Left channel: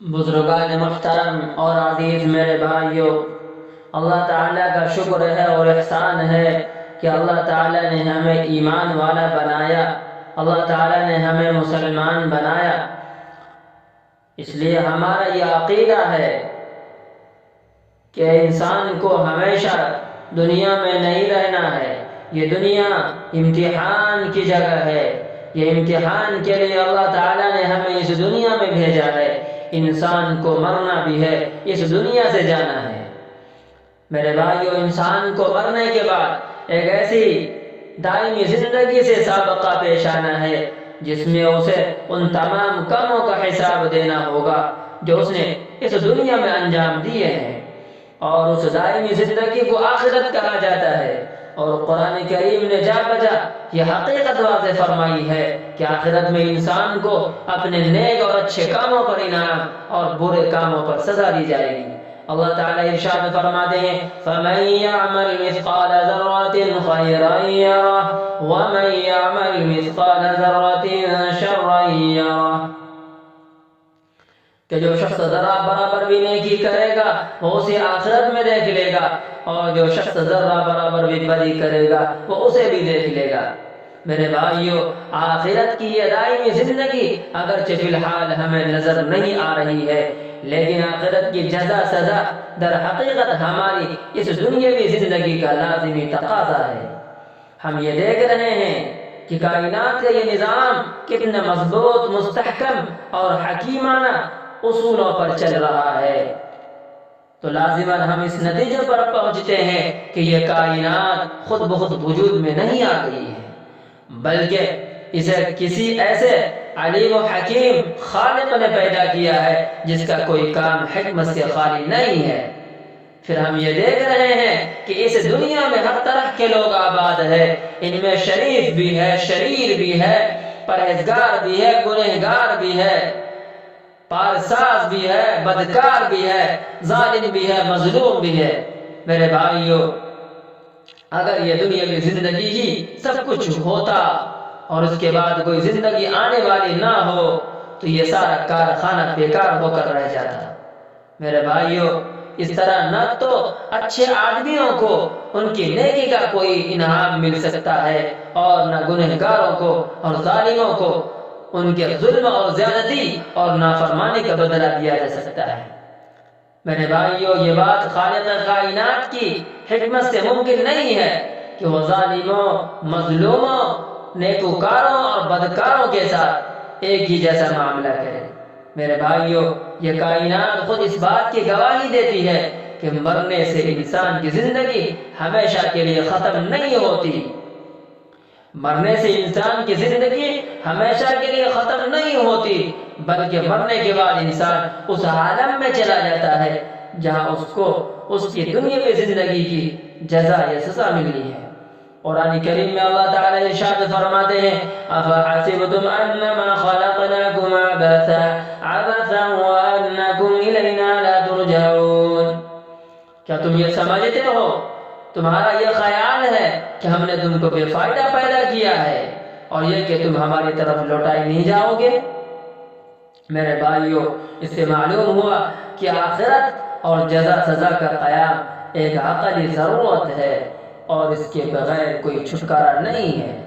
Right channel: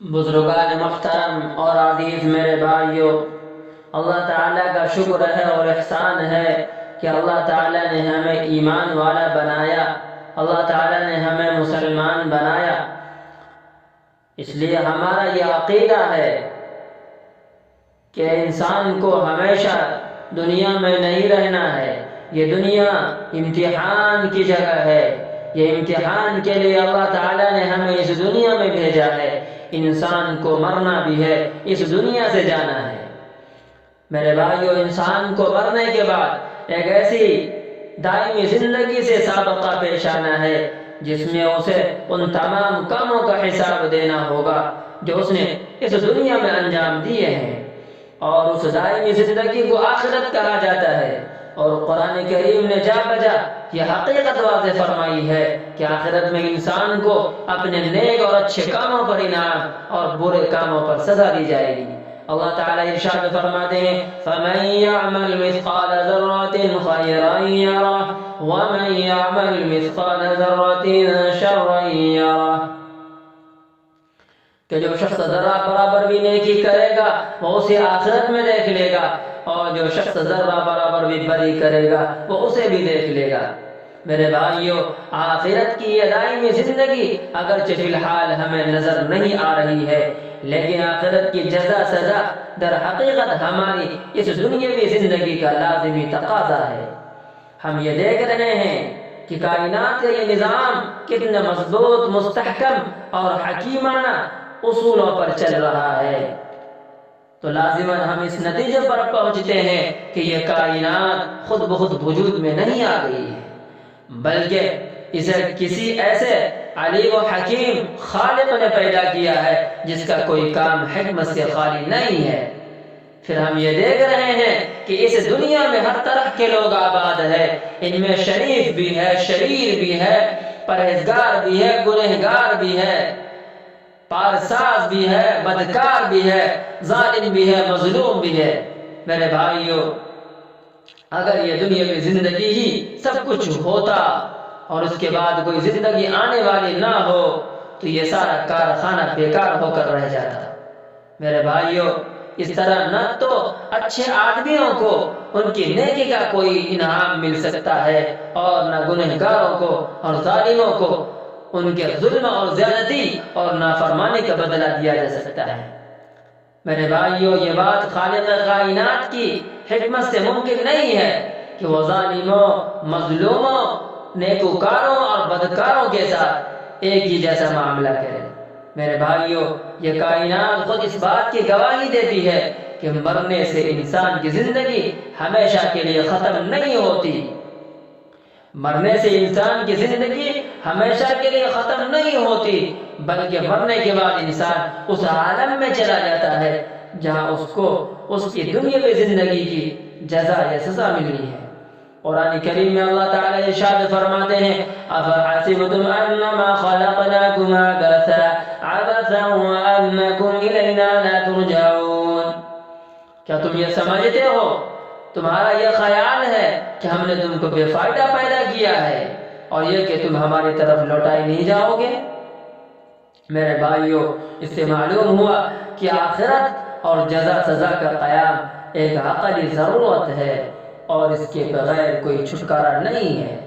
بزرگان محترم اور عزیز میرے بھائیوں، اللہ تعالیٰ کا شکر ہے اور احسان ہے کہ اللہ تعالیٰ نے ہمیں ایمان والا بنایا، اللہ تعالیٰ نے ہمیں مسلمان بنایا۔ اس لیے ہمارا یہ عقیدہ ہے کہ انسان کو ہمیشہ دنیا میں نہیں رہنا ہے۔ یہ دنیا امتحان کی جگہ ہے، یہ امتحان کے لیے اللہ تعالیٰ نے ہمیں اس دنیا میں بھیجا ہے۔ انسان کو مرنا بھی ہے، اس دنیا سے جانا ہے۔ میرے بھائیو، انسان کو مرنے کے بعد ایک ایسی دائمی زندگی سے سابقہ پیش آنا ہے جس میں اسے ان تمام کاموں کا حساب دینا ہوگا جو اس نے اس دنیا میں انجام دیے ہیں، اور اس دائمی زندگی کو آخرت کہا جاتا ہے۔ اور قرآن کریم نے جا بجا یہ حقیقت واضح فرمائی ہے کہ آخرت میں انسان کو اپنے نیک اور اچھے کاموں پر انعام اور برے کاموں پر سزا دی جائے گی۔ اللہ تعالیٰ ارشاد فرماتے ہیں فَمَن يَعْمَلْ مِثْقَالَ ذَرَّةٍ خَيْرًا يَرَهُ وَمَن يَعْمَلْ مِثْقَالَ ذَرَّةٍ شَرًّا يَرَهُ، کہ جو شخص ذرہ برابر بھی نیکی کرے گا وہ اسے آخرت میں دیکھ لے گا، اور جو شخص ذرہ برابر بھی بدی کرے گا وہ اسے بھی دیکھ لے گا۔ میرے بھائیو، آخرت کی یہ دائمی زندگی اگرچہ فی الحال ہمیں نظر نہیں آ رہی ہے، لیکن آخرت کی جزا سزا در حقیقت ہماری اس دنیاوی زندگی کا لازمی تقاضا ہے۔ ہم یہ دیکھ رہے ہیں کہ کائنات کا یہ نظام کتنا مضبوط، مستحکم اور حکیمانہ اصولوں پر چل رہا ہے، تو لازماً ہم اس نتیجے پر پہنچتے ہیں کہ یہ کائنات خود بخود وجود میں نہیں آ گئی ہے، بلکہ اسے کسی ایسے علیم و حکیم خالق نے پیدا کیا ہے جس کا کوئی کام حکمت سے خالی نہیں ہے۔ پھر ہم یہ دیکھ رہے ہیں کہ اس دنیا میں ہر طرح کے لوگ آباد ہیں، ان میں شریف بھی ہے، شریر بھی ہے، پرہیزگار بھی ہے، گنہگار بھی ہے، پارساز بھی ہے، بدکار بھی ہے، ظالم بھی ہے، مظلوم بھی ہے۔ میرے بھائیو، اگر یہ دنیاوی زندگی ہی سب کچھ ہوتا اور اس کے بعد کوئی زندگی آنے والی نہ ہو تو یہ سارا کارخانہ بیکار ہو کر رہ جاتا۔ میرے بھائیو، اس طرح نہ تو اچھے آدمیوں کو ان کی نیکی کا کوئی انعام مل سکتا ہے، اور نہ گنہگاروں کو اور ظالموں کو ان کے ظلم اور زیادتی اور نافرمانی کا بدلہ دیا جا سکتا ہے۔ میرے بھائیو، یہ بات خالق کائنات کی حکمت سے ممکن نہیں ہے کہ وہ ظالموں، مظلوموں، نیکوکاروں اور بدکاروں کے ساتھ ایک ہی جیسا معاملہ کرے۔ میرے بھائیو، یہ کائنات خود اس بات کی گواہی دیتی ہے کہ مرنے سے انسان کی زندگی ہمیشہ کے لیے ختم نہیں ہوتی۔ مرنے سے انسان کی زندگی ہمیشہ کے لیے ختم نہیں ہوتی، بلکہ مرنے کے بعد انسان اس عالم میں چلا جاتا ہے جہاں اس کو اس کی دنیاوی زندگی کی جزا یا سزا ملنی ہے۔ قرآن کریم میں اللہ تعالیٰ ارشاد فرماتے ہیں أَفَحَسِبْتُمْ أَنَّمَا خَلَقْنَاكُمْ عَبَثًا وَأَنَّكُمْ إِلَيْنَا لَا تُرْجَعُونَ، کیا تم یہ سمجھتے ہو، تمہارا یہ خیال ہے کہ ہم نے تم کو بے فائدہ پیدا کیا ہے اور یہ کہ تم ہماری طرف لوٹائے نہیں جاؤ گے؟ میرے بھائیو، اس سے معلوم ہوا کہ آخرت اور جزا سزا کا قیام ایک عقلی ضرورت ہے، اور اس کے بغیر کوئی چھٹکارا نہیں ہے۔